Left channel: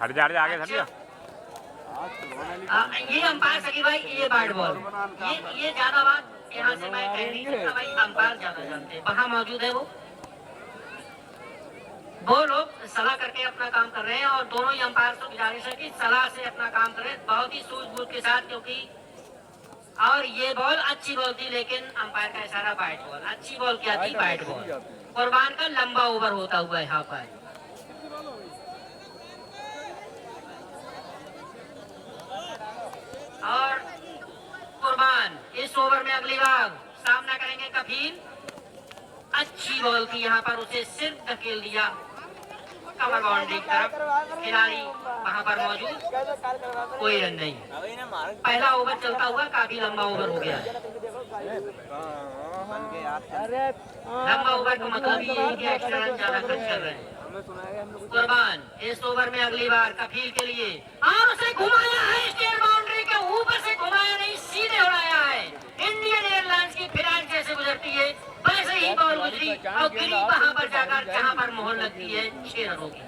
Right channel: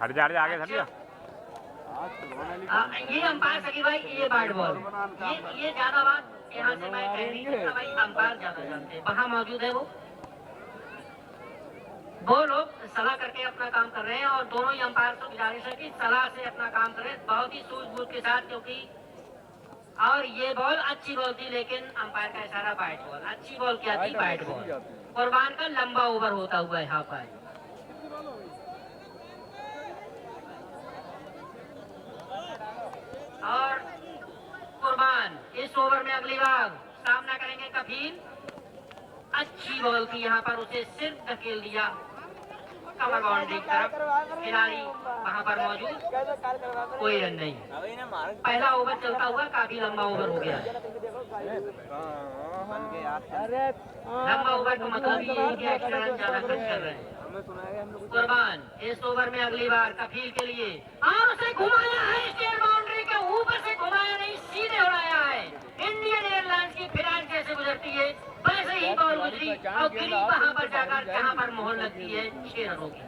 हट जा आगे हट जा। ये अंपायर सकी भाई, ये बैट बॉल, ये ज्यादा बात यहाँ से मैं कह नहीं सकता भाई, अंपायर ज्यादा जानते हैं। वहाँ मौजूद है वो लोग सलाह करके अपना काम कर रहे हैं, और दोनों ही अंपायर से गुजारिश है कि सलाह से अपना काम करें बहुत ही सूझबूझ के साथ, क्योंकि और ये बॉल अच्छी बॉल थी, लेकिन अंपायर का इशारा बैट बॉल, अच्छी बॉल क्या थी, बैट बॉल। कुर्बान का लंबा ओवर होता हुआ यहाँ पर, और कुर्बान इस ओवर में अगली बार सामना करेंगे कफील। अच्छी बॉल थी यहाँ पर, उसे सिर्फ धकेल दिया कवर बाउंड्री की तरफ, खिलाड़ी वहां पर मौजूद, कोई रन नहीं। पहला ओवर चलता हुआ काफी लंबा ओवर हो गया। लंबा ओवर का मतलब ये है कि एक्स्ट्रा रन ज्यादा खर्च कर रहे हैं। कुर्बान इस ओवर में अगली बार कफील के लिए, और उसे घुमाया है स्टेट बाउंड्री के ऊपर से, घुमाया नहीं, सीधे उड़ाया है। इंडियन एयरलाइंस की फ्लाइट जैसे गुजरती है वैसे ही बॉल गुजरी और गिरी वहां पर जाकर जहां पर मोहर लगती है 6 रनों की।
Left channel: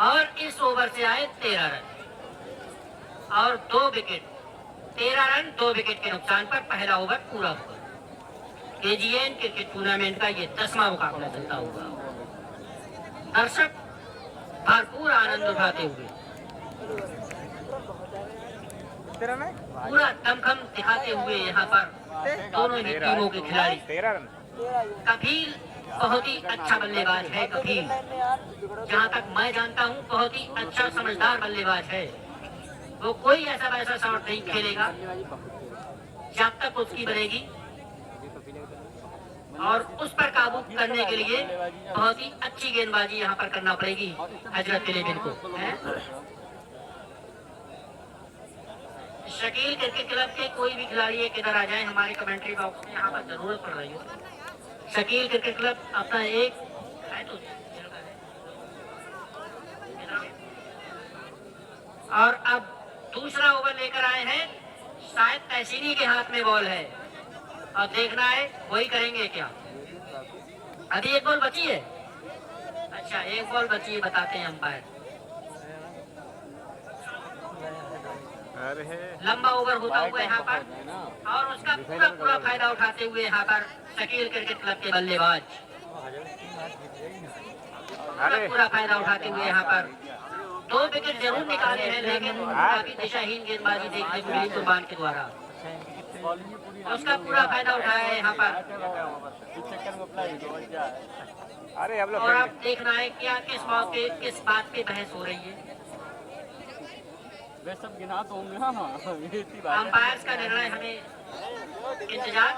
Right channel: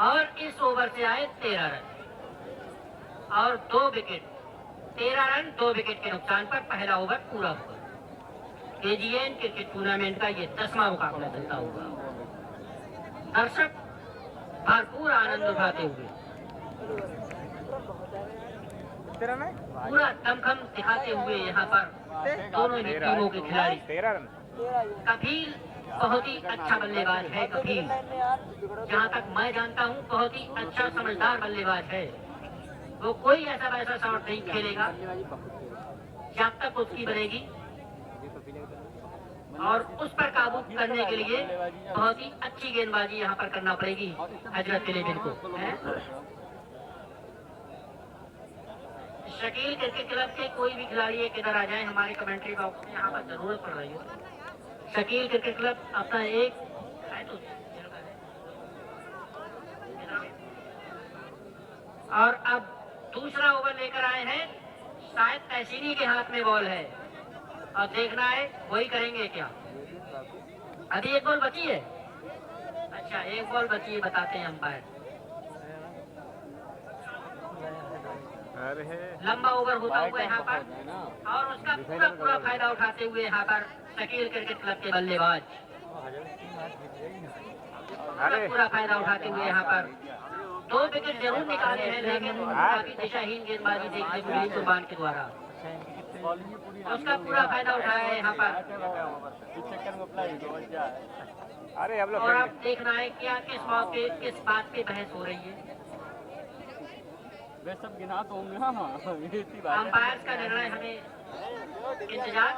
और इस ओवर से आए 13 रन और 2 विकेट, 13 रन 2 विकेट के नुकसान पर पहला ओवर पूरा हुआ। केजीएन क्रिकेट टूर्नामेंट का ये 10वां मुकाबला चलता हुआ, दर्शक भरपूर आनंद उठाते हुए, पूरा दमखम दिखाते हुए यहाँ पर दोनों ही टीमों के खिलाड़ी। कफील बहुत ही अच्छा बल्लेबाज है, कफील जहाँ तक मैं जानता हूँ बहुत ही अच्छा समझदार बल्लेबाज है। वो कोई ऐसा वैसा शॉट नहीं खेलेगा जब तक उसकी बनेगी, और उस पर काबू करने के लिए बहुत ही अच्छी गेंदबाजी यहाँ पर करना पड़ेगी हजरत इलेवन को। शकील क्रिकेट क्लब के कोई भी खिलाड़ी एक इधर आ जाए, हमारे कमेंट्री बॉक्स में यहाँ पर जरूरत पड़ रही है। शकील क्रिकेट क्लब अपना एक है तो, और अब दूसरा ओवर लेकर आए हैं, शायद तहसीनी के हाथ में बॉल है और देखना है वही करेंगे क्या। अभी एक बॉल बची है, अच्छा एक बॉल बची है, बताते हैं अंपायर। लंबा ओवर होता हुआ यहाँ पर, और उसका पूरा फायदा उठाते हुए यहाँ पर शकील क्रिकेट क्लब के बल्लेबाज पूरा फायदा उठाते हुए यहाँ पर 2 विकेट जरूर निकाले हैं, लेकिन काफी दिशाहीन गेंदबाजी देखने को मिली कुर्बान के द्वारा, उसका पूरा फायदा उठाया है यहाँ पर। और अब देखना है क्या किस मौके किस बात पे बहस हो रही है। वे सब गिना तो होंगे। अंपायर्स का निर्णय हमें इंतजार।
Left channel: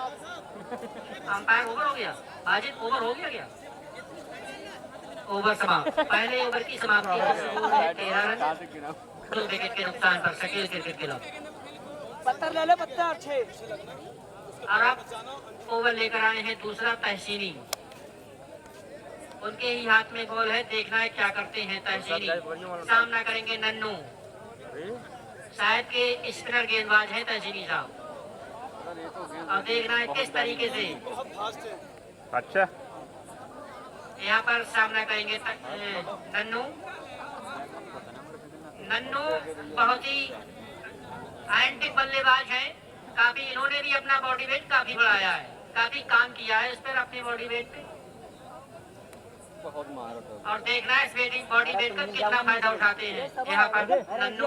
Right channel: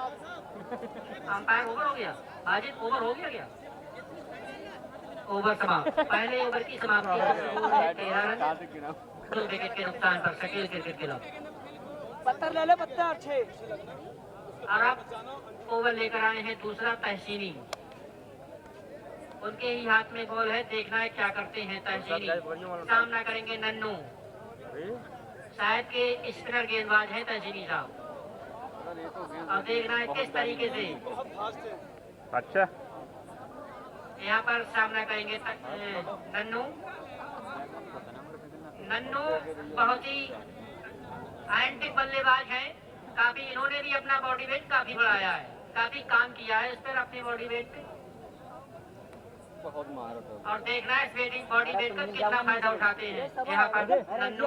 अंपायर ओवर हो गया, वाजिद ओवर हो गया क्या? ओवर समाप्त, पहले ओवर की समाप्ति 13 रन 2 विकेट के नुकसान पर शकील क्रिकेट क्लब। पत्थर ले लो, पत्थर अच्छे। और अब ओवर लेकर आए हैं दूसरा तहसीनी, उनके ही हाथ में बॉल है, देखना है क्या करते हैं तहसीनी। सामना करेंगे नन्नू, शायद के स्पिनर गेंदबाज हैं तहसीनी साहब, और देखना है किस तरीके से। अच्छा यहाँ पर सामना करेंगे नन्नू। नन्नू बहुत ही एंटिक बल्लेबाज है, काफी इन्होंने भी अपना बॉडी वेट काफी बढ़ाया है, काफी काम किया है इस पर अपने बॉडी वेट पे, और देखना है इस बॉडी वेट का कितना फायदा उठाते हैं यहाँ पर नन्नू।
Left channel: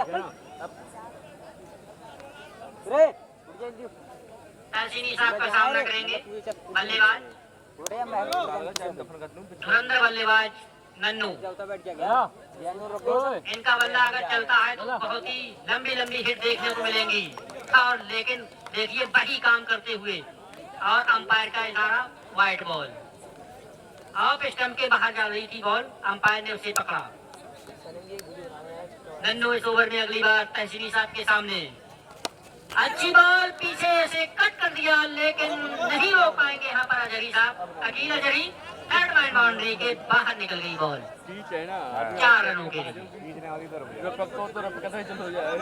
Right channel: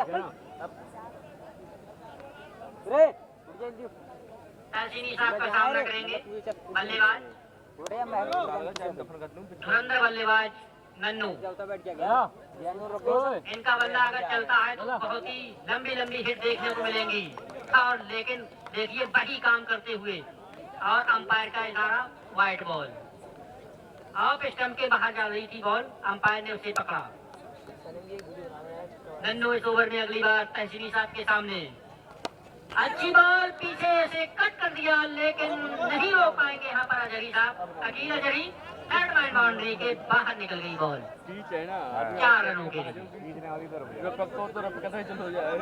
तहसीनी साहब का सामना करेंगे बल्लेबाज धुरंधर बल्लेबाज नन्नू। इनका बल्ला अगर चलता है तो बहुत ही लंबी लंबी हिट देखने को मिलेंगी, और लेकिन देखिए वही काम करते हुए, और अंपायर का इशारा वाइट बॉल, ऑफ स्टंप के बाहर जा रही थी बॉल, अंपायर ने उसे पकड़ा। नन्नू इस ओवर में अगली बार तहसीनी साहब के सामने, अच्छी बॉल पीछे से कट कर दिया, लेकिन नहीं रोक पाएंगे यहाँ पर अजहरी साहब, Aqeel Azhari third man boundary के बाहर निकल गई बॉल। पीच है ना 4 रनों के लिए। तो रफ चलो जाए।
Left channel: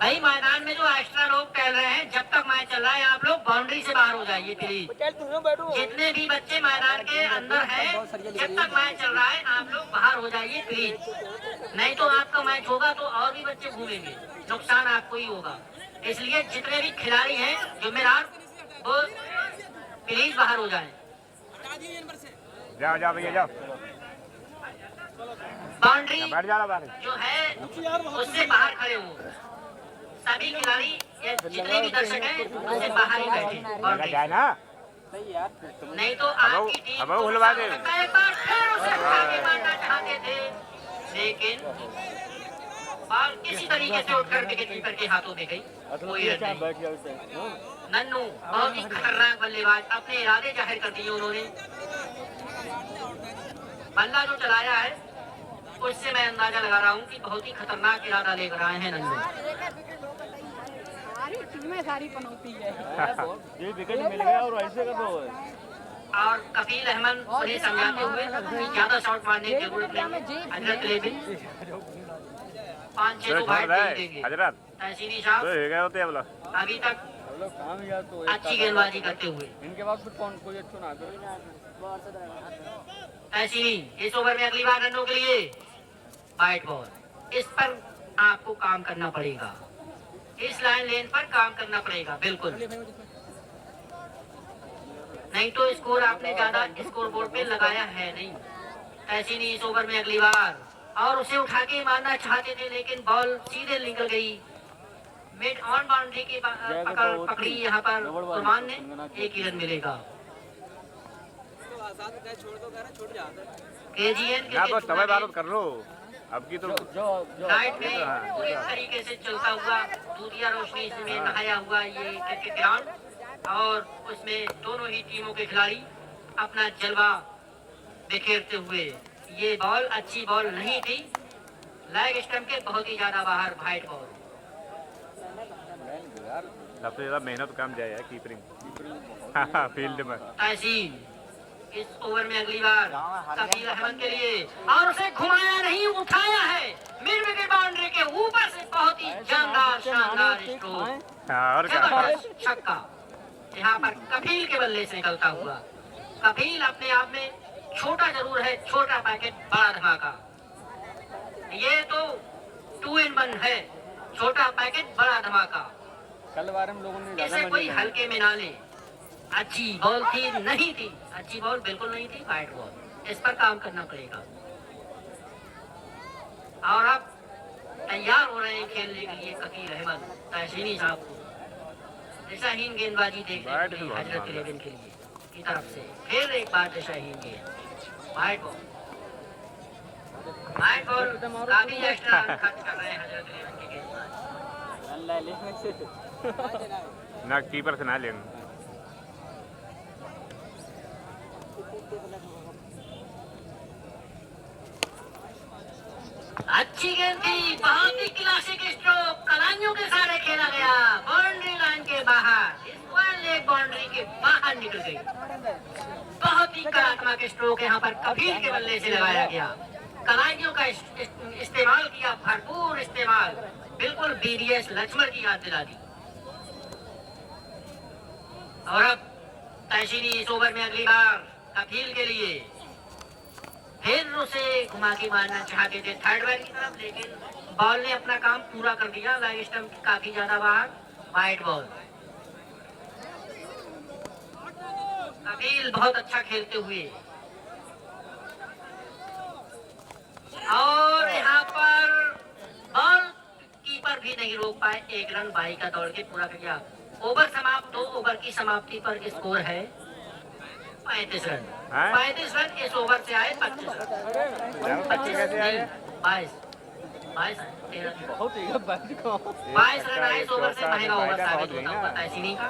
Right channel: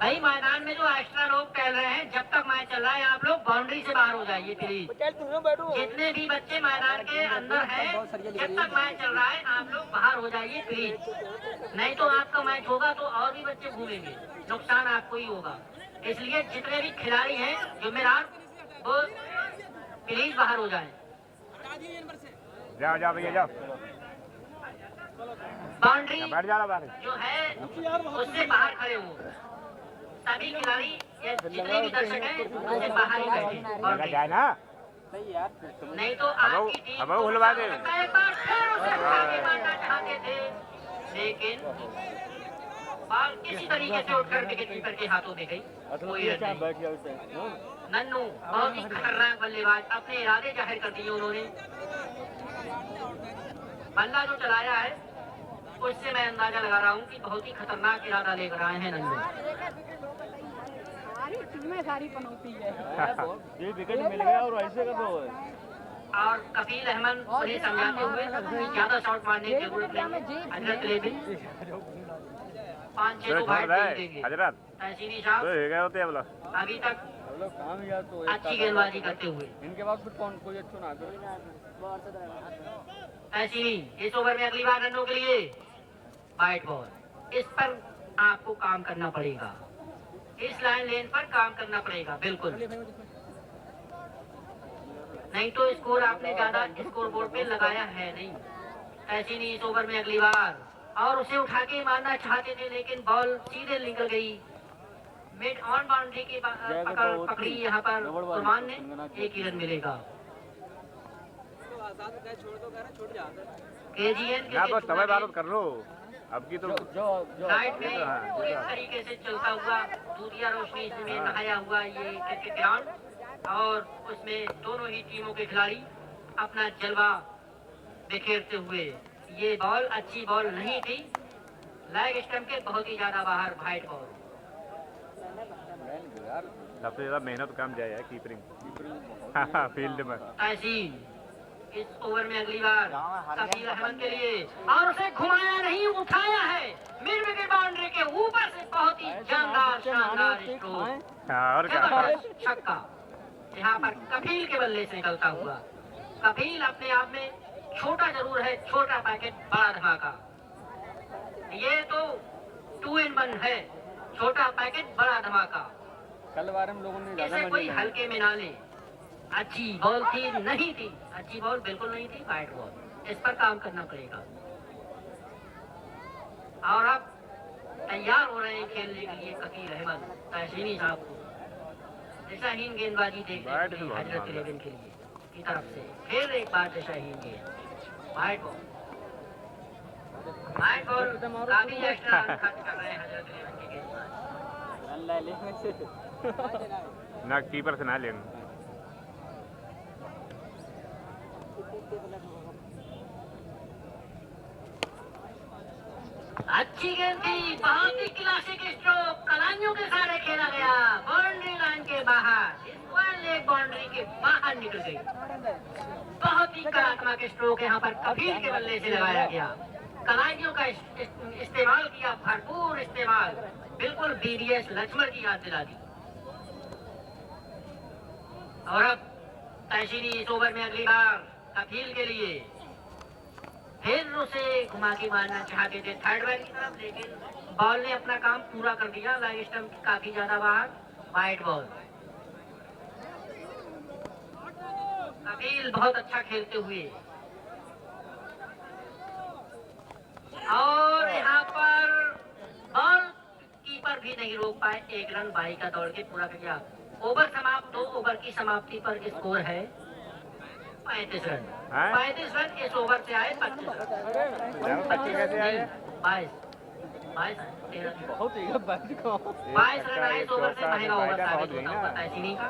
भाई मैदान में जो एक्स्ट्रा लोग टहल रहे हैं, जब तक मैच चल रहा है आप लोग बाउंड्री से बाहर हो जाइए प्लीज। जितने भी बच्चे मैदान के अंदर हैं, जब तक मैच चल रहा है आप लोग बाहर हो जाइए प्लीज। नहीं तो आपका मैच होगा तो और भी बच्चे घूमेंगे, नुकसान आपको ही होगा। इसलिए जितने भी खिलाड़ी हैं जिम्मेदार, वो प्लीज बाहर हो जाएं। जाओ जाओ भैया जाओ। बाउंड्री बैठ जाना बाहर। जो है उससे बाहर खड़े हो। सभी खिलाड़ी या जितने भी दर्शक हैं उससे बाहर ही बैठे बाउंड्री। जाए ना। नहीं तो आपकी टीम अब खुलवा दे। एक बार फिर उसे उठा के मारना चाहते थे, लेकिन बॉल किसी तरीके से उठकर विकेट कीपर के हाथों में गई। कोई रन नहीं। नन्नू बहुत ही खतरनाक बल्लेबाज, अपने इरादे जाहिर कर दिए उन्होंने। बल्ला जो चलाया है उससे मैं अंदाजा लगा रहा हूँ कि बहुत ही खतरनाक इरादा लेकर आए हैं नन्नू। सारी पनौती है। ये विकेट मिल गया और ऐसे का तो और कफील अहमद उन्हें समझाते हुए कि ज्यादा शॉट मारने की जरूरत नहीं। हजरत ले भी 5-6 तो बैट नहीं देंगे। हजरत तहसीनी साहब तो गए होते बोला अभी तक काम यार तो अच्छी गेंदबाजी करते हुए। इनके बाद फिर कौन कोई अच्छा ना करे। तहसीनी इस ओवर में अगली बार रनों के लिए वाइट बॉल, इस पर आपको काम करना पड़ेगा। इस लाइन लेन पर काम करना पड़ेगा बिल्कुल, नहीं तो स्कोर आपने ज्यादा स्कोर बोर्ड पे लगाया है नहीं। ऐसी नहीं इस ओवर में अगली बार, और उसे उठा के मारना चाहते थे लेकिन बॉल सीधे निकल गई। मिड ऑन बाउंड्री की पकड़ी यहाँ पर कुरबान ने, एक ही रन मिलेगा। केजीएन ना बस समय बात कर लो अब की तो लाइट में पूरी तरीके से चलता हुआ दूधिया रोशनी इसमें नहाया हुआ ये क्रिकेट ग्राउंड, और उसमें दोनों ही टीमों के खिलाड़ी अपना जलवा बिखेरते हुए। ये बॉल अच्छी बॉल नहीं थी, लेग स्टंप के बहुत ही ज्यादा बाहर वाइड बॉल। सबसे ज्यादा मेहनत काम जाए है कीपरिंग फील्ड में। तहसीन इस ओवर में अगली बार कफील अहमद के लिए, और उसे घुमाया नहीं, उठाया है मिड विकेट बाउंड्री के ऊपर से। बहुत ही जानदार शानदार स्ट्रोक, और जबरदस्त छक्का यहाँ पर कफील के बल्ले से निकलता हुआ। कफील अपने आप में छोटा जरूर है, छोटा पैकेट बड़ा धमाका। ये तो 2 in 1 है, छोटा पैकेट बड़ा धमाका। कल बार हम लोगों ने इसे कोई हल्के में ना ले। अच्छी बॉल थी, नहीं थी अच्छी बॉल, बिल्कुल नहीं थी वाइट बॉल। इस पर काम करना पड़ेगा। और अब तैयार हो रहे हैं खेलने के लिए कफील अहमद तहसीनी साहब को। दिशाहीन गेंदबाजी देखने के लिए हजरत 11 के लिए की तरफ से फिर एक बार दिशाहीन गेंद, वाइट बॉल। वाइट बॉल काफी एक्स्ट्रा रन खर्च कर रहे हैं हजरत 11 के गेंदबाज। ना कीपर से ना लेना। अच्छी गेंद थी, बहुत ही क्लासिक स्ट्रोक, कलाइयों के सारे खेला गया, बाउंड्री लाइन के बाहर, स्क्वायर लेग बाउंड्री के बाहर निकल गई। बहुत ही कलात्मक स्ट्रोक यहाँ पर कफील के बल्ले से लगाया गया। कलाइयों का इस्तेमाल किया, भरपूर इस्तेमाल, बिल्कुल बीडीएस लक्ष्मण की याद दिला दी। और अब तहसीनी इस ओवर में अगली बार कफील के लिए फिर उसे घुमा के मारना चाहते थे थर्ड मैन की तरफ, लेकिन बॉल ने अपना काम पूरा कर दिया। लाइग स्टंप काफी ज्यादा बाहर, वाइड बॉल। कफील बहुत अच्छा खेलते हुए, और यहाँ पर बॉल कीपर भी नहीं रोक पाए। 1 रन बाई का दौड़ के पूरा किया। ओवर समाप्त, 2 ओवर की समाप्ति पर स्कोर है 35 रन। 35 रन इस ओवर से आए। 25 रन 25 कैसे आए? 22 13 बहुत ही 22 रन आए इस ओवर से। महंगा ओवर साबित होता हुआ तहसीनी का।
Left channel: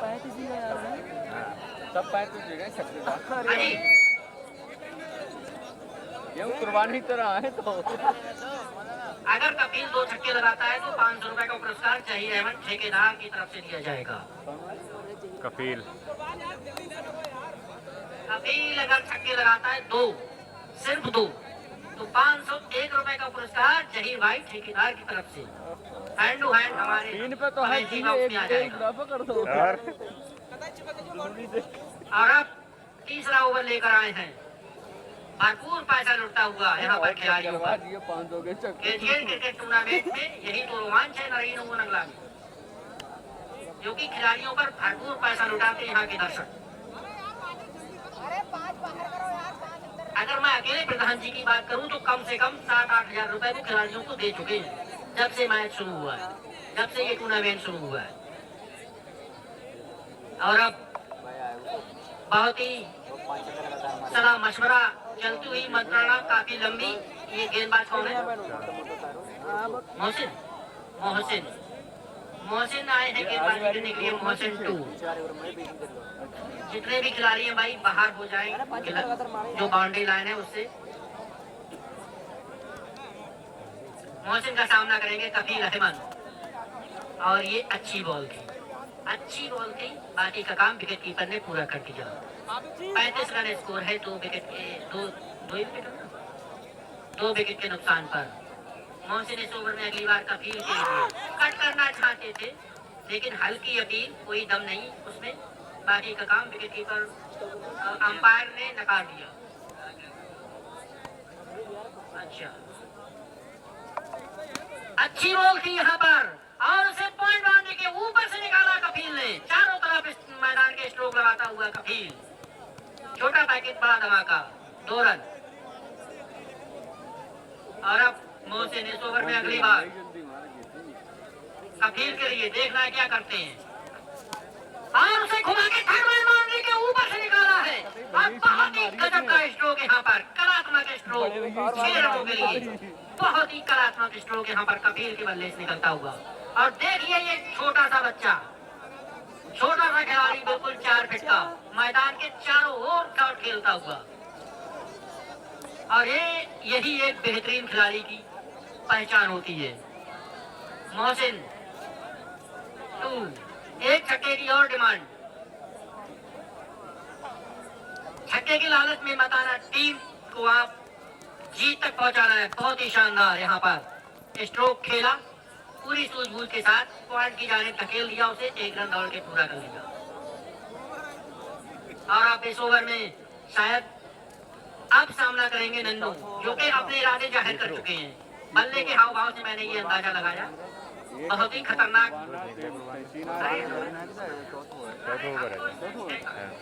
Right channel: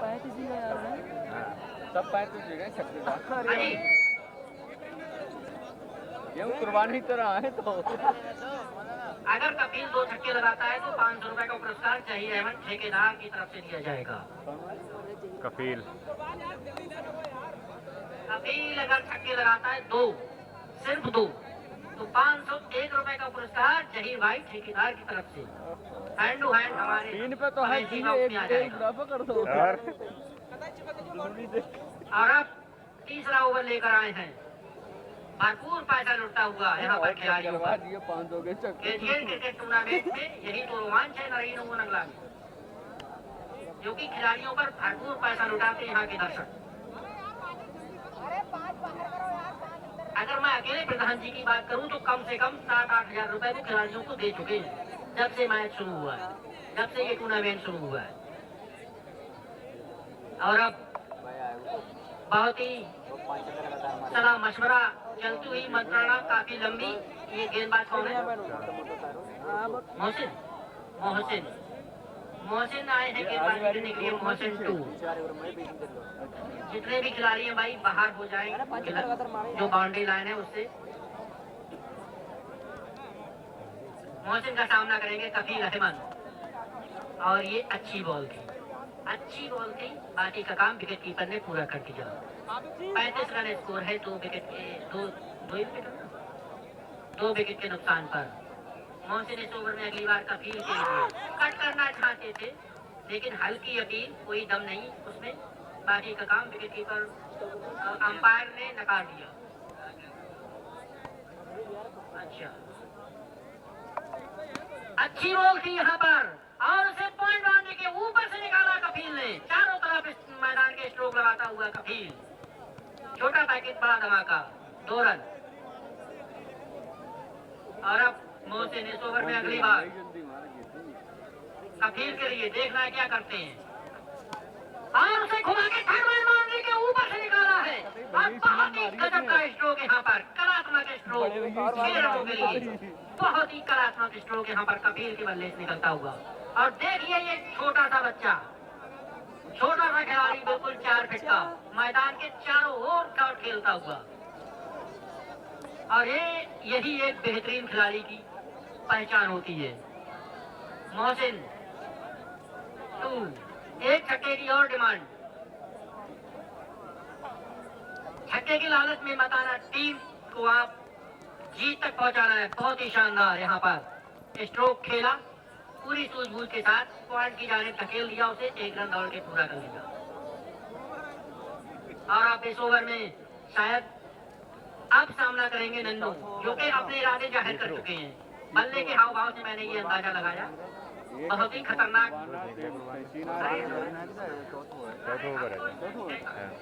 सब 35 जगह छक्के। हाँ जी, ये कुर्बानी तरह है। तो अगर कपिल 2 छक्के लगाता है तो 500 रुपए का पुरस्कार चाहिए अहमद ठेकेदार की तरफ से दिया जाएगा। कफील कपिल अगर छक्के लगाता है 2, सिर्फ 2, तो 501 रुपए का पुरस्कार जहीर भाई ठेकेदार की तरफ से हैंड टू हैंड हमारे तीन पे तो है, अमेठी तीन बॉक्स एक में आ एक जाएगा। बराबर कर दो। और अब तीसरा ओवर लेकर आए हैं, भरपूर पैसा लुटता हुआ यहाँ पर खिलाड़ियों करवा पर। दिए 500 के चक्कर। एशियन क्रिकेट टूर्नामेंट में यही तो रोमांच है नरीन नंगला में, जो कि खिलाड़ियों पर भरपूर पैसा लुटाते हैं यहाँ के दर्शक। अगर मैं अकेले प्रधान जी की बात करूं तो कम से कम 7-8 हजार रुपए वो खिलाड़ियों को दे चुके हैं जब से मैच शुरू हुआ है, जब से ये टूर्नामेंट शुरू हुआ है। और अब बहुत ही सलाह मशवरा चलती हुई मंत्रणा काफी लंबी। ये गेंदबाज कौन है? मोहसिन। मोहसिन मोहसिन आए हैं गेंदबाजी करने के लिए। मोहसिन 2। जितने भी खिलाड़ी हैं भाई बाहर हो जाएं, जो बाउंड्री लाइन है उससे। मोहसिन का सामना करेंगे कफील अहमद। और ये अच्छी बॉल थी, अच्छी बॉल थी। बाकी का काम विकेट कीपर ने पूरा कर दिया। 35 रन स्कोर है, 2 विकेट के नुकसान पर। मोहसिन इस ओवर में अगली बार कफील के लिए कट करना चाहते थे, लेकिन हल्की अपील, कोई दम नहीं उसमें। बाकी का काम विकेट कीपर अंपायर ने नकार दिया। अच्छा, अच्छी बॉल थी यहाँ पर और उसे पॉइंट बाउंड्री के ऊपर से निकाला कफील ने। चारों तरफ इस मैदान के स्ट्रोक लगाता हुआ कफील। छोटा पैकेट बड़ा धमाका, 2 रन। और अब मोहसिन इस ओवर में अगली बार कफील के लिए देखना है क्या करते हैं। और उसे घुमा के थर्ड बाउंड्री के ऊपर से निकाला है। और बहुत ही गजब का स्ट्रोक यहाँ पर, कलात्मक स्ट्रोक 6 रनों के लिए। बहुत ही कलात्मक स्ट्रोक यहाँ पर कफील के बल्ले से निकलता हुआ। और देखिए ये छोटा सा बच्चा, छोटा सा खिलाड़ी, बिल्कुल 4 फीट का, मैदान के चारों ओर शॉट खेलता हुआ। और यही एक बेहतरीन खिलाड़ी की पहचान होती है। मोहसिन 2, एक छक्के की और डिमांड। छक्के की लालच में मत आना, टीम को आप जीत तक पहुंचाना है। बहुत ही शानदार यहाँ पर स्ट्रोक खेला, पूरी सूझबूझ के साथ पॉइंट की जाने धकेल दिया उसे, 1 रन दौड़ के पूरा कर लिया। और आप इस ओवर में शायद अब सामना करेंगे नन्नू, जो कि अपने इरादे जाहिर कर चुके हैं। बल्ले के हाव भाव से मैंने ये अंदाजा लगाया, बहुत ही खतरनाक।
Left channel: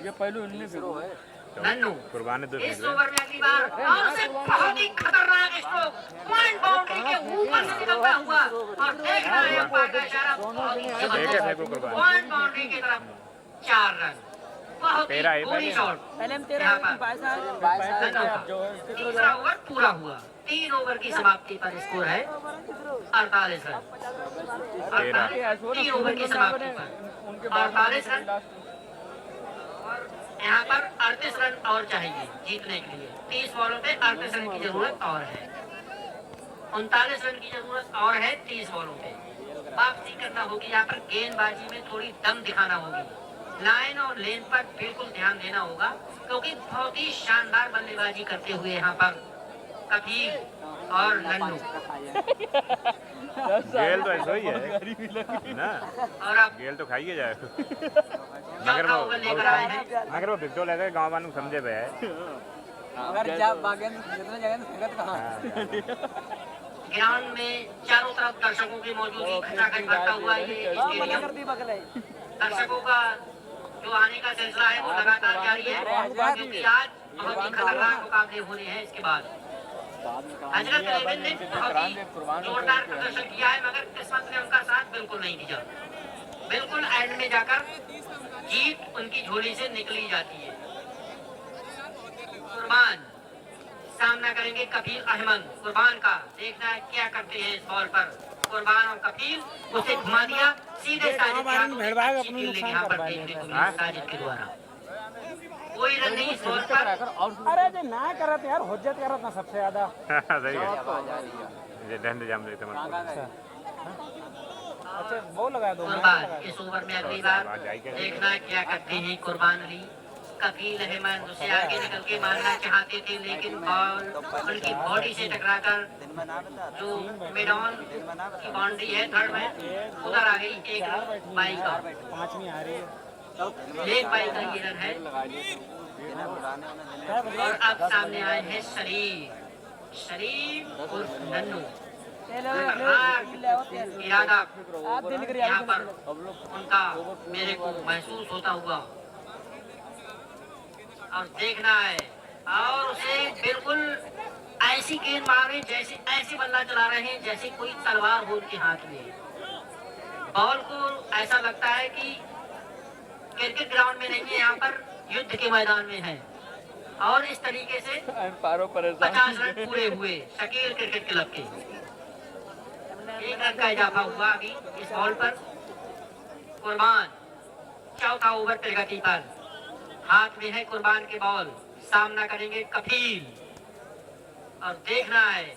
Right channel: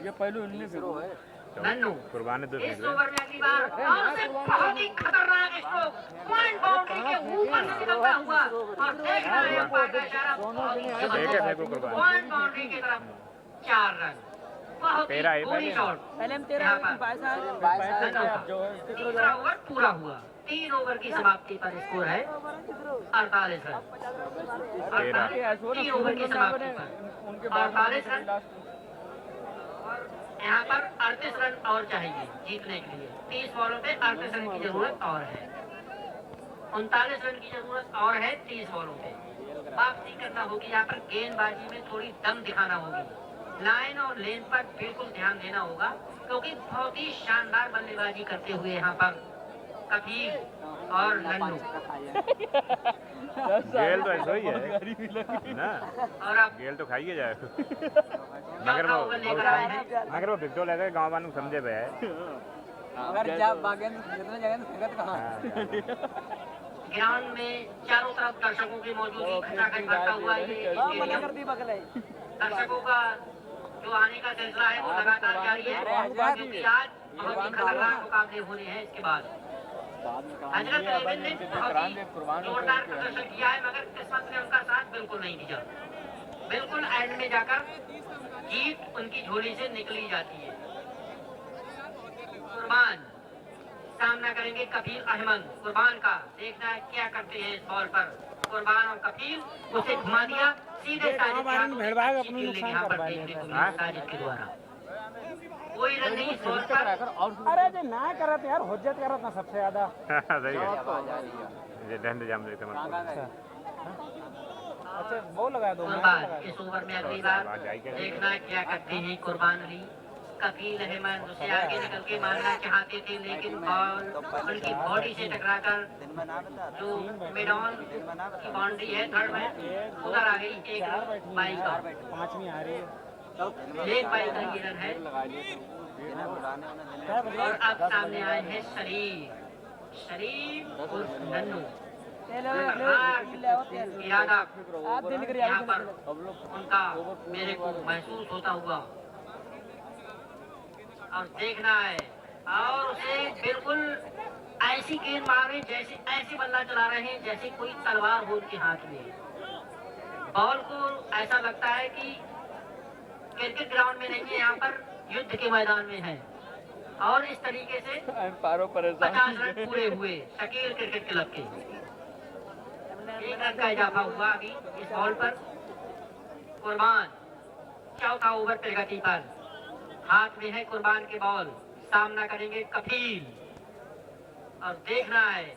ये पहलू इनने फिरो है नन्नू कुर्बानी दो इस ओवर में अगली बार और उसे बहुत ही खतरनाक स्ट्रोक पॉइंट बाउंड्री के ऊपर से निकलता हुआ। और देख रहे हैं अंपायर का इशारा, बहुत ही जबरदस्त पॉइंट बाउंड्री की तरफ, 4 रन। बहुत ही पूरी शॉट यहाँ पर। तीसरा ओवर पूरा हुआ, 3 ओवर की समाप्ति पर स्कोर है 48 रन। 3 ओवर की समाप्ति पर 48 रन। यहाँ पर 38 रन और चाहिए जीतने के लिए। 30 बॉलों पे 38 रन की जरूरत और है, 39 रन की जरूरत और है 30 बॉलों पे। वापसी करना होगी यहाँ पर, गेंदबाजी में थोड़ी दम दिखाना होगी, लाइन और लेन पर बिल्कुल ध्यान देना होगा, क्योंकि बहुत ही शानदार बल्लेबाजी करते हुए यहाँ पर कफील और नन्नू। गेल तो ऐसा ही है ना, और अब गेल तो खाइए जाए। चौथा ओवर लेकर आए हैं। मगर वो बिगडो लगे गाँव वालों समझे पे है। अगर जब बागेन जितने जगह संगत कहाँ ग्राउंड में चारों तरफ दर्शकों की मौजूदगी खचाखच भरता हुआ ये स्टेडियम। दर्शकों का जो आने का सिलसिला है वो लगातार जारी है, क्योंकि आज बहुत ही खतरनाक मुकाबले होने हैं। इसके बाद हजरत लेविन ने बहुत ही जोरदार प्रदर्शन किया है, मगर किस्मत ने उनका साथ बिल्कुल नहीं दिया। बिल्कुल एंड में जाकर जीत उनकी झोली से निकली जाती है। कुर्बान सामना करेंगे कफील अहमद। कुर्बान का देखना है क्या करते हैं इस बॉल पर। कुर्बान और कफील, उसे घुमा दिया सीधे साजिद के हाथों में। अच्छी फील्डिंग यहाँ पर देखने को मिली साजिद के द्वारा। कोई रन नहीं इस बॉल पर। अरे जो ना करत यार हुज्जत करत ना सबसे ज्यादा। सही है, ये डंड जाम देते मतलब। अच्छा वो लगा दो। कुर्बान इस ओवर में अगली बार देखना है क्या करते हैं कुर्बान अली। कफील अहमद उसे आगे निकल के मारना चाहते थे, लेकिन बॉल उनकी बॉडी से टकराकर जो मिडॉन की बाउंड्री है थर्ड में उधर आ गई। एक रन बाई का, 5वीं आ रही है। लेग बाई का ये रन है। और अब सामने आए हैं शरीफ उर्फ नन्नू। इरादा यहाँ पर उनका मेरे को महसूस होता हुआ, और देखना है और उसे बिल्कुल ऐसी गेंद मार रहे जैसे ऐसे बल्ला चला रहे हैं जैसे कोई तलवार हो उनके हाथ में। बॉल को ऐसा लगता है कि क्रिकेट ग्राउंड में नहीं है, यहाँ पर युद्ध के मैदान में है। और इस तरीके से 50 रन पूरे हुए शकील क्रिकेट क्लब के। 1 रन का इजाफा हुआ अभी इस बॉल पर। कुर्बान चौथा ओवर प्रगति पर, हाथ में है कुर्बान के बॉल, सामना करेंगे कफील। और देखना है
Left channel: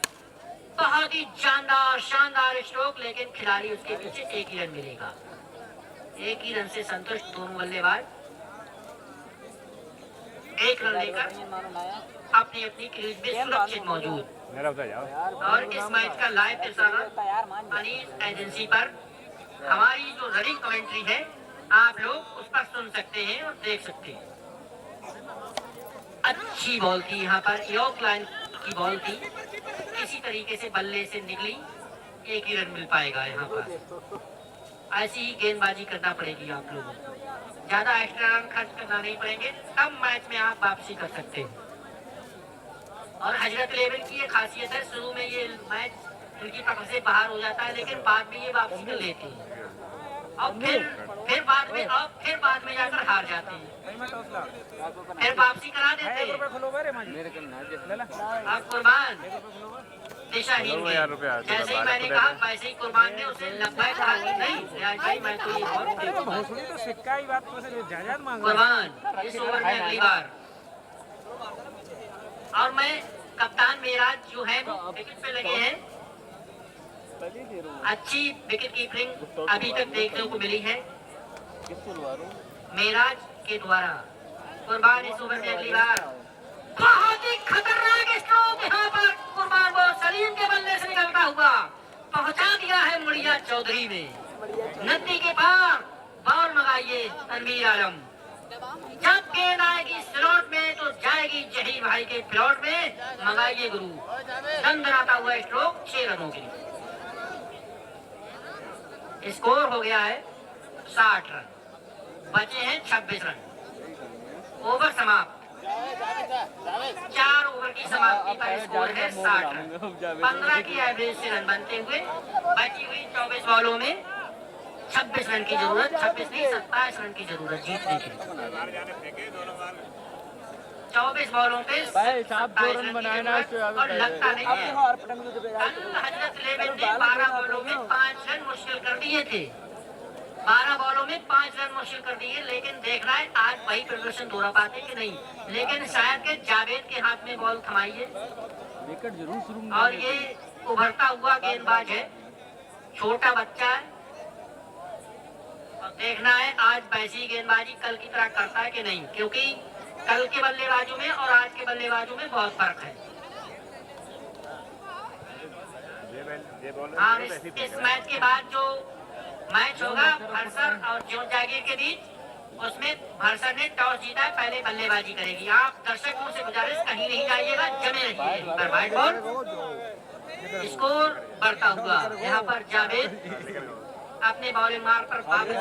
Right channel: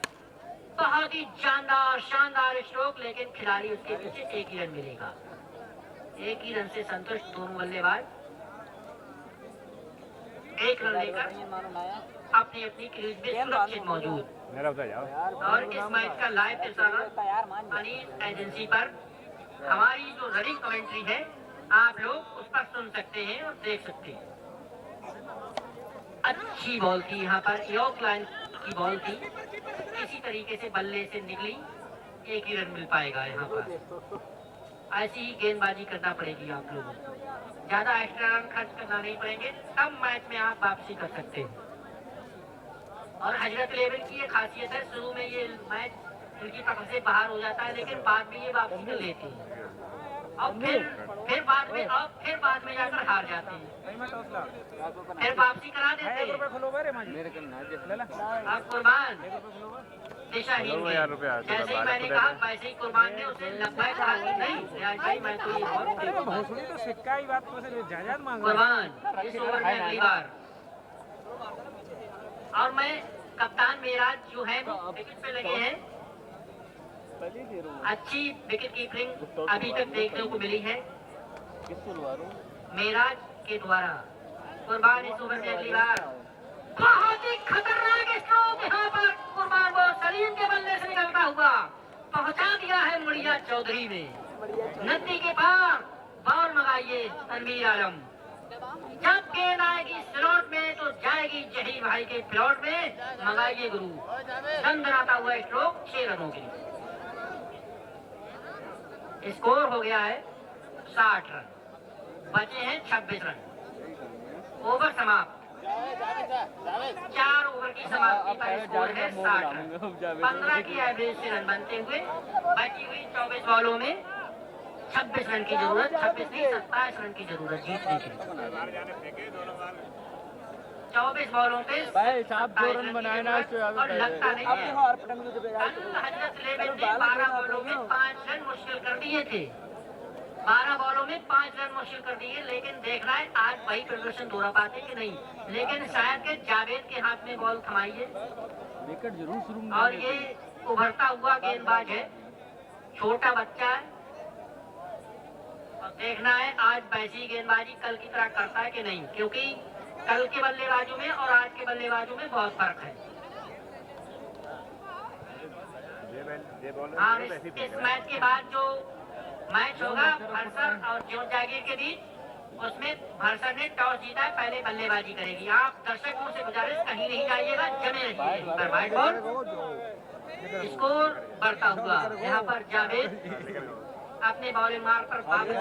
बहुत ही शानदार स्ट्रोक, लेकिन खिलाड़ी उसके पीछे 1 ही रन मिलेगा। 1 ही रन से संतुष्ट दोनों बल्लेबाज। 1 रन लेकर अपनी अपनी क्रीज में सुरक्षित मौजूद। मेरा उधर जाओ। और इस मैच का लाइव प्रसारण अनीस एजेंसी पर हमारी जो रनिंग कमेंट्री है आप लोग उस पर सुन सकते हैं और देख सकते हैं। अच्छी बॉल थी यहाँ पर, यॉर्क लाइन की बॉल थी, इसी तरीके से बल्ले से निकली, 1 ही रन मिल पाएगा यहाँ पर। ऐसी ही गेंदबाजी करना पड़ेगी आप लोगों को, ज्यादा एक्स्ट्रा रन खर्च करना नहीं पड़ेंगे, तब मैच में आप वापसी कर सकते हैं। और हजरत लेवल की ये खासियत है, शुरू में ये मैच इनकी पकड़ से बाहर हो जाता है, लेकिन बाद में ये वापसी कर लेती है और फिर बाद में जाकर हार जाते हैं, फिर वापसी करा देते हैं। अब कुर्बान दिशाहीन है, जैसे ही मैंने कहा वैसे ही कुर्बान ने उसे लंबाई कहा कि नहीं रियाज भाई मैं तो ये बहुत तो सिक्का ही बात तो जायदाद मांग कुर्बान इस ओवर में अगली बार। और मैं कप्तान मेराज जो है वो विकेट पे लगे हैं, अच्छी विकेट कीपिंग अभी तक देखने को मिली है मेराज के द्वारा। कुर्बान इस ओवर में अगली बार, बहुत ही खतरनाक स्ट्रोक यहाँ पर कुर्बान को सलीम के बल्ले से निकलता हुआ पहुंचा दिया है मुड़िया चौधरी में। नदी के पार बॉल मंगाइए तनवीर आलम, जब गेंद आएगी स्लॉट में तो जाएगी जहीर भाई के प्लॉट में, मंगाइए गुरु। दंदनाता हुआ स्ट्रोक 6 रनों के लिए। स्कोर हो गया है 60 रन, बचे हैं 26 रन। ओवर समाप्त, 4 ओवर की समाप्ति पर स्कोर है 60 रन। 15 की एवरेज से रन बनते हुए बची हुई 24 बॉलों में 26 रन की जरूरत, 26 नहीं 27 रन की जरूरत जीतने की। 24 बॉलों पे 27 रन बनाना और लगता नहीं है। कल हजरत लेविन ने 12 बॉलों में 5 रन मुश्किल कर दिए थे, 12 बॉलों में 5 रन मुश्किल कर दिए, लेकिन देख रहा है आज वही प्रदर्शन दोहरा पाते कि नहीं। लेकिन शायद के जावेद के हाथ में बॉल थमाइए, और ये उभरता हुआ गेंदबाज है, छोटा बच्चा है, और देखना है आज वैसी गेंदबाजी कल की तरह करता है कि नहीं, क्योंकि कल के बल्लेबाजों में और आज के बल्लेबाजों में बहुत फर्क है। हाँ, इस मैच के बाद जो मैच होगा भरसर और जोन जागीर के बीच, उसमें भरसर ने टॉस जीता है, पहले बल्लेबाजी करेगी। आप दर्शकों से गुजारिश कहीं नहीं जाइएगा, जमे रहिए पर व्हाइट बॉल। स्कोर बढ़ता हुआ यहाँ पर जावेद अपने बॉलिंग मार्क पर वापस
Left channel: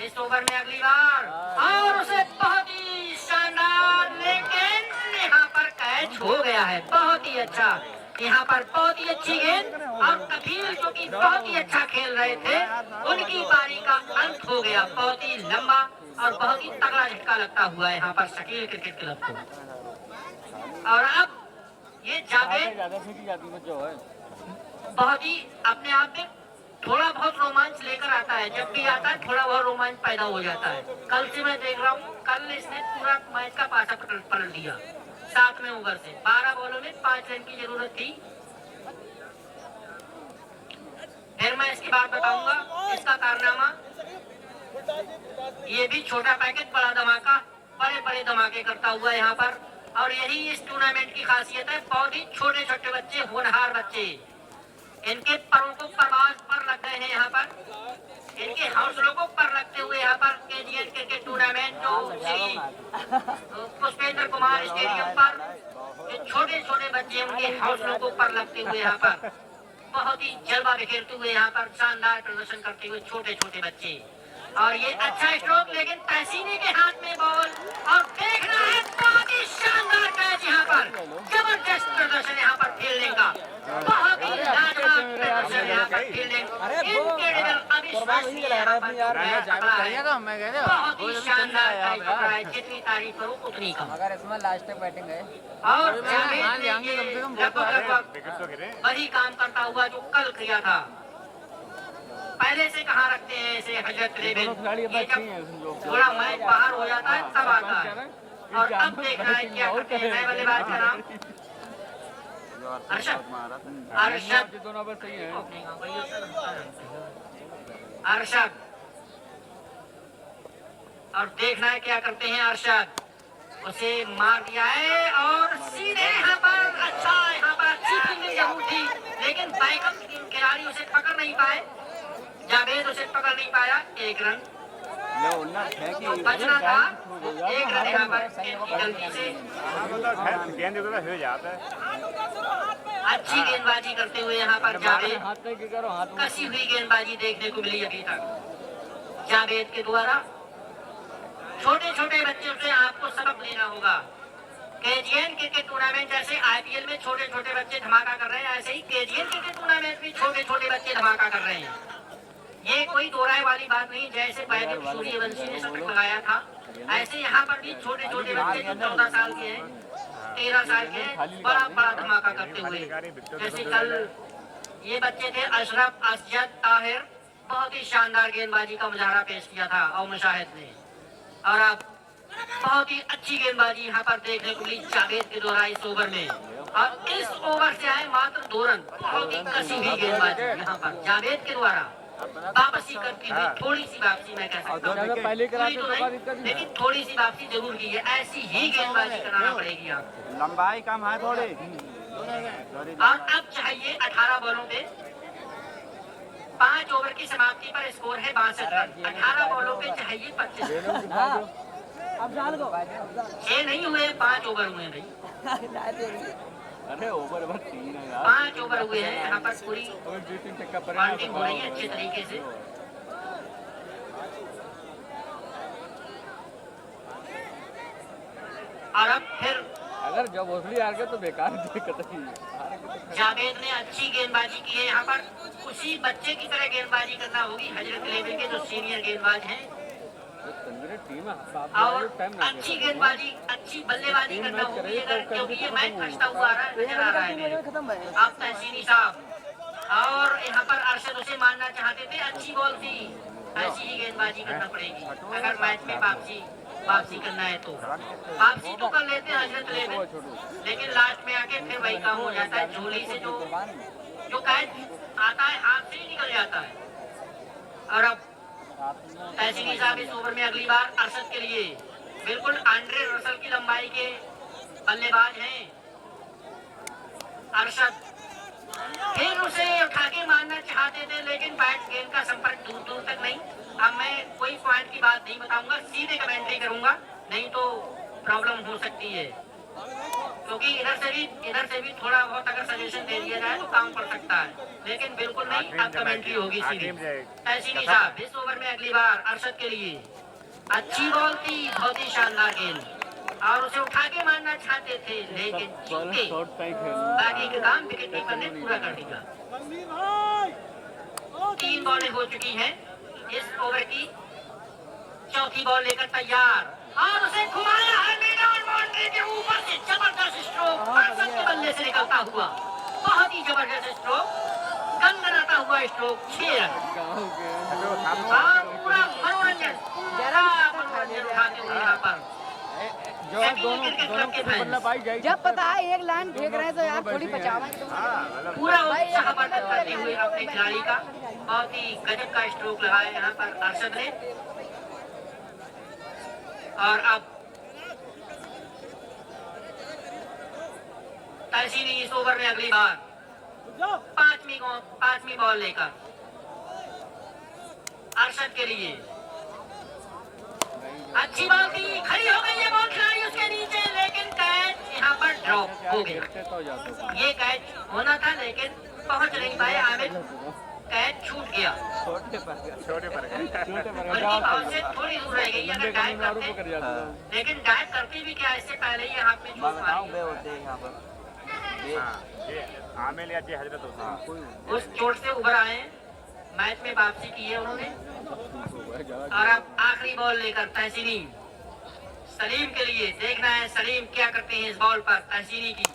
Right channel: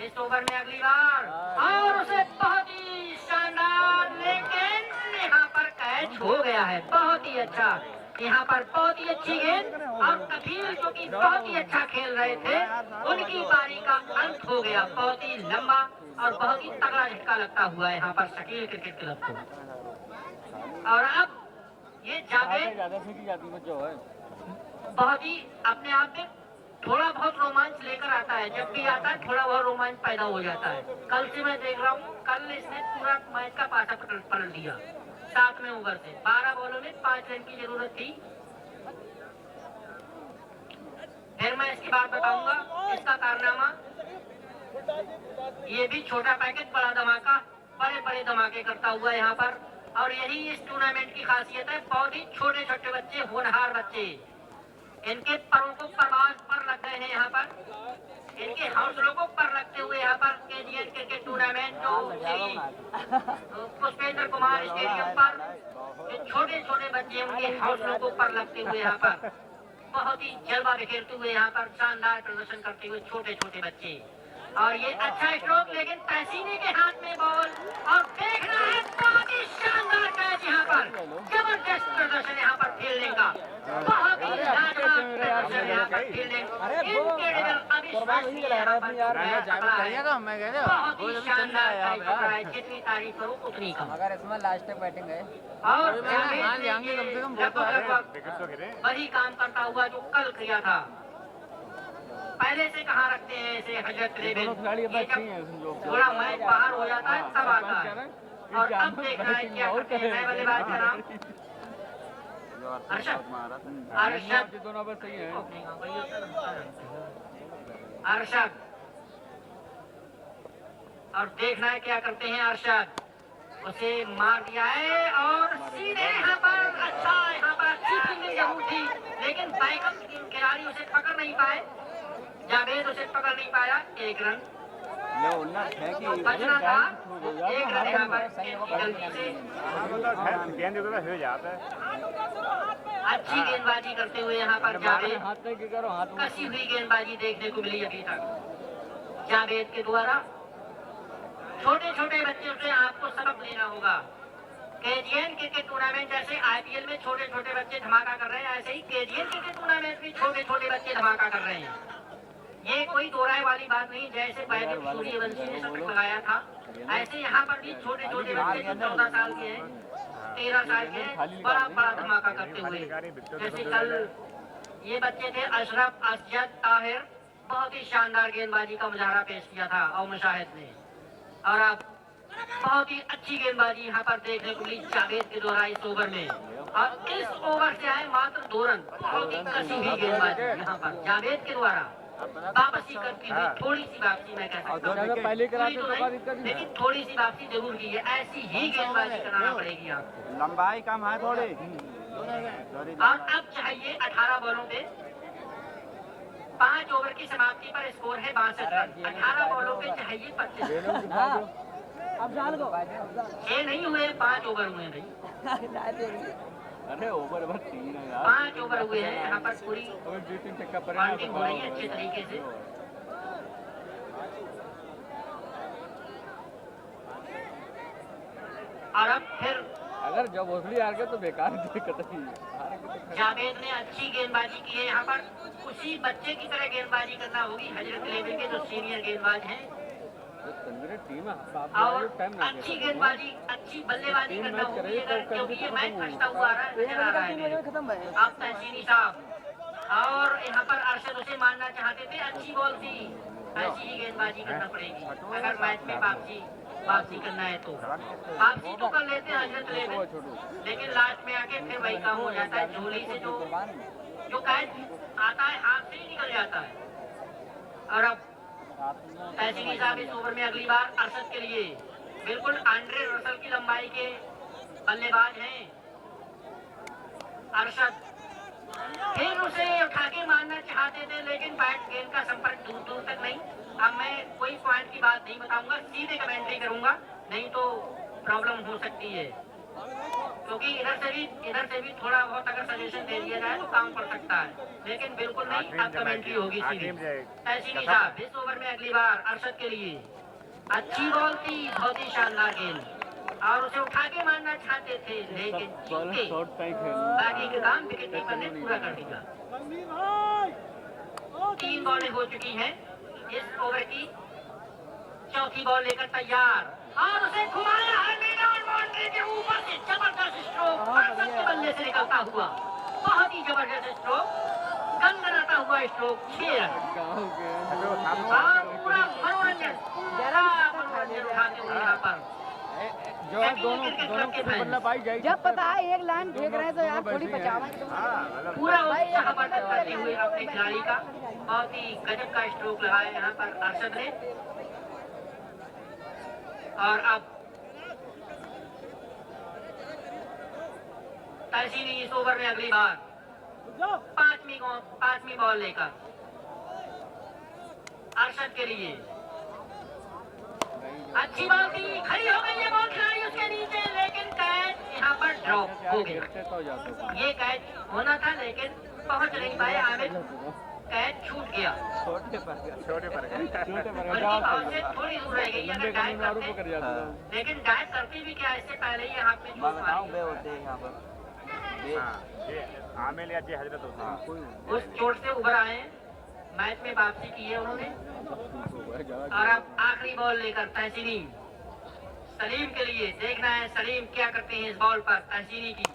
इस ओवर में अगली बार, और उसे बहुत ही शानदार, लेकिन यहाँ पर कैच हो गया है। बहुत ही अच्छा, यहाँ पर बहुत ही अच्छी गेंद, और कफील जो कि बहुत ही अच्छा खेल रहे थे उनकी पारी का अंत हो गया। बहुत ही लंबा और बहुत ही तगड़ा झटका लगता हुआ है यहाँ पर शकील क्रिकेट क्लब को। और अब ये जावेद बहुत ही अपने आप में थोड़ा बहुत रोमांच लेकर आता है, जब भी आता है थोड़ा बहुत रोमांच पैदा हो जाता है। कल से मैं देख रहा हूँ, कल इसने पूरा मैच का पासा पलट दिया 7वें ओवर से। 12 बॉलों में 5 रन की जरूरत थी। फिर मैं इसकी बात बताऊंगा, इसका कारनामा। ये भी छोटा पैकेट बड़ा धमाका, बड़े बड़े धमाके करता हुआ यहाँ पर। और यही इस टूर्नामेंट की खासियत है, बहुत ही छोटे छोटे बच्चे, होनहार बच्चे, इनके परों को परवाज पर लग गए हैं यहाँ पर, इनके हौसलों को पर रखते हुए यहाँ पर KGN क्रिकेट टूर्नामेंट जो श्री पुष्पेंद्र कुमार स्टेडियम पर जो छोटे छोटे बच्चे, उनके हौसलों को पर लगते हुए यहाँ पर बहुत ही जलवा बिखेरते हुए यहाँ पर शानदार प्रदर्शन करते हुए छोटे छोटे बच्चे। और ये अच्छा स्ट्रोक, लेकिन पैसीने के हाथ में बॉल, और देखना है बहुत ही शानदार कैच यहाँ पर, जबरदस्त प्रदर्शन यहाँ पर फील्डिंग का, बहुत ही लाजवाब प्रदर्शन यहाँ पर फील्डिंग, इनक्रेडिबल, अविश्वसनीय यहाँ पर बहुत ही शानदार कैच पकड़ा है। जितनी तारीफ करूँ उतनी कम। अगर इसमें लास्ट तक बैटिंग है और लगभग वही काम करता हुआ जो कल किया था। पहले से कहाँ रखते हैं इसे हजरत लेविन, ये जब थोड़ा मैच बाहर हो जाता है तब आता है। और अब देख रहा है क्या करते हैं। नए बल्लेबाज का नाम अरशद, अरशद, और देखना है क्या करते हैं अरशद। उसे मार दिया है और सीधे यहाँ पर अच्छा, यहाँ पर अच्छी फील्डिंग जरूर थी, लेकिन बैकअप खिलाड़ी उसे पकड़ नहीं पाए, जावेद उसे पकड़ नहीं पाया। एक रन जो बचना था, एक रन यहाँ पर इनकी गलती से। गेंद हो जाता है। अच्छी गेंदबाजी करते हुए यहाँ पर जावेद, कसी हुई गेंदबाजी देखने को मिली अभी तक जावेद के द्वारा। छोटे छोटे बच्चों से आपको सबक लेना होगा। KGN क्रिकेट टूर्नामेंट जैसे IPL में छोटे छोटे बच्चे धमाका कर रहे हैं, ऐसे ही KGN क्रिकेट टूर्नामेंट में छोटे छोटे बच्चे धमाका कर रहे हैं। ये कोई दोहराए वाली बात नहीं। जैसे पहले सूर्यवंशी ने शतक लगाया था, ऐसे यहाँ पर भी छोटे छोटे बच्चे जो 14 साल के हैं, 13 साल के हैं, बड़ा बड़ा धमाका करते हुए। जैसे कल ये बच्चे थे अशरफ असजद ताहिर, बहुत ही शानदार गेंदबाजी का मुजाहरा पेश किया था और मुशाहिद ने। और अब बहुत ही अच्छी गेंदबाजी यहाँ पर देखने को मिली जावेद के द्वारा इस ओवर में। और इस ओवर से आए मात्र 2 रन, बहुत ही कसी हुई गेंदबाजी यहाँ पर जावेद के द्वारा वापसी करती हुई। थोड़ी सी वापसी मैं कह सकता हूँ, पूरी तो नहीं, लेकिन थोड़ी सी वापसी जरूर की है। ऐसी ही गेंदबाजी कराना पड़ेगी आपको, लंबाई कम है थोड़ी। और अब चाहिए 18 बॉलों पे 5 ओवर की समाप्ति पर स्कोर है 62 रन। 18 बॉलों पे चाहिए 25। अब जान दो 6 नहीं हुए, 5 ओवर हुए हैं भाई। अरे ओवर 3 है यार। 5 ओवर हुए हैं यहाँ पर, पूरी बाउंडिंग हो रही है अच्छे तरीके से। और अब फिर अगर जब ओसली हार गए तो बेकार जावेद ने अच्छी गेंदबाजी की है यहाँ पर। उसी बच्चे की तरह गेंदबाजी करना होगी हजरत लेविन के जो सीनियर गेंदबाज हैं। और अच्छी गेंदबाजी, अच्छी बल्लेबाजी करना होगी, क्योंकि ये मैच फंसता हुआ नजर आ रहा है मेरे। अब तहसीनी साहब और यहाँ पर अरशद उसे मारना चाहते थे, अच्छी बॉल थी, ऐसी ही गेंदबाजी करना पड़ेगी अगर मैच में वापसी करना है तो। वापसी तो कर लेते हैं हजरत लेविन, लेकिन लास्ट में आके फिर वही काम हो जाता है। झोली से जो कैच आता है हाथ से ही निकल जाता है। और अब तहसीनी साहब इस ओवर में अगली बार अरशद के लिए बिल्कुल आंड्रे रसल की लंबाई के बल्लेबाज हैं। अरशद फिर उसे उठा के मारना चाहते थे, लेकिन बैट गेंद का संपर्क दूर दूर तक नहीं। अब मैं कोई पॉइंट की बात नहीं बताऊंगा, सीधे कमेंट्री करूंगा, नहीं तो प्रॉब्लम हो सकती है। क्योंकि इधर से भी थोड़ा बहुत अगर सजेशन दे दिया जाए तो काम कर सकता है, लेकिन बिल्कुल नहीं। अब कमेंट्री होगी सीधी। तहसीनी साहब इस ओवर में अगली बार अरशद के लिए अच्छी बॉल थी, बहुत ही शानदार गेंद, और उसे उठा के मारना चाहते थे, लेकिन चूके बाकी का काम विकेट कीपर ने पूरा कर दिया। 3 बॉलें हो चुकी हैं इस ओवर की। चौथी बॉल लेकर तैयार, और उसे घुमाया है मैदान बाउंड्री के ऊपर से। जबरदस्त स्ट्रोक अरशद के बल्ले से निकलता हुआ, बहुत ही जबरदस्त स्ट्रोक, गनगनाता हुआ स्ट्रोक। 6 रन और पूरा मनोरंजन उठाते हुए यहाँ पर क्रिकेट क्लब के फैंस जब पता है एक लाइन फेंक रहे हैं तो यार थोड़ी बचावेंगे। हाँ मतलब पूरा उत्साह वर्धन करते हुए अपने खिलाड़ी का बहुत ही गजब का स्ट्रोक लगाया यहाँ पर अरशद ने। और अब तहसीनी इस ओवर में अगली बार पांचवी बॉल लेकर अरशद के लिए अच्छी बॉल थी, खड़ी हो गई है बॉल खिलाड़ी उसके नीचे, लेकिन कैच यहाँ पर ड्रॉप हो गया। ये कैच होना था लेकिन पहुंच नहीं पाए आमिर, कैच छूट गया। छोटे पर गए। उनकी बॉल से थोड़ी दूर रह गई, अगर डाइव करते, लेकिन डाइव करती भी क्या, इससे पहले ही हाथ में चोट मारी। हाँ ये आमिर या जी हजरत होता है। उस चोट से उभर आए हैं, मैच में वापसी की है उन्होंने। और अब आखिरी बॉल लेकर तहसीनी सलीम के लिए, देखना है सलीम क्या करते हैं इस बॉल पर तहसीनी की,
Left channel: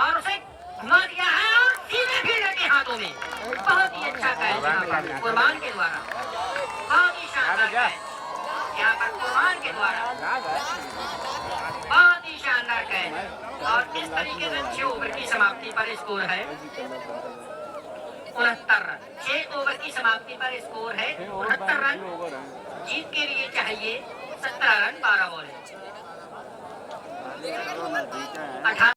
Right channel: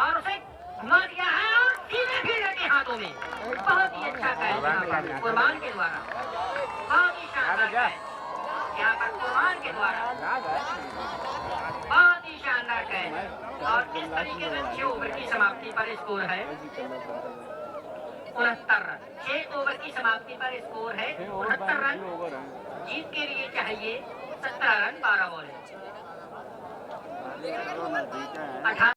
और उसे घुमा दिया है और सीधे फील्डर के हाथों में। बहुत ही अच्छा कैच कुर्बान के द्वारा, बहुत ही शानदार कैच यहाँ पर कुर्बान के द्वारा, बहुत ही शानदार कैच। और इस तरीके से 6 ओवर की समाप्ति पर स्कोर है 69 रन। 6 ओवर की समाप्ति पर स्कोर है 69 रन। जीत के लिए चाहिए 17 रन 12 बॉल।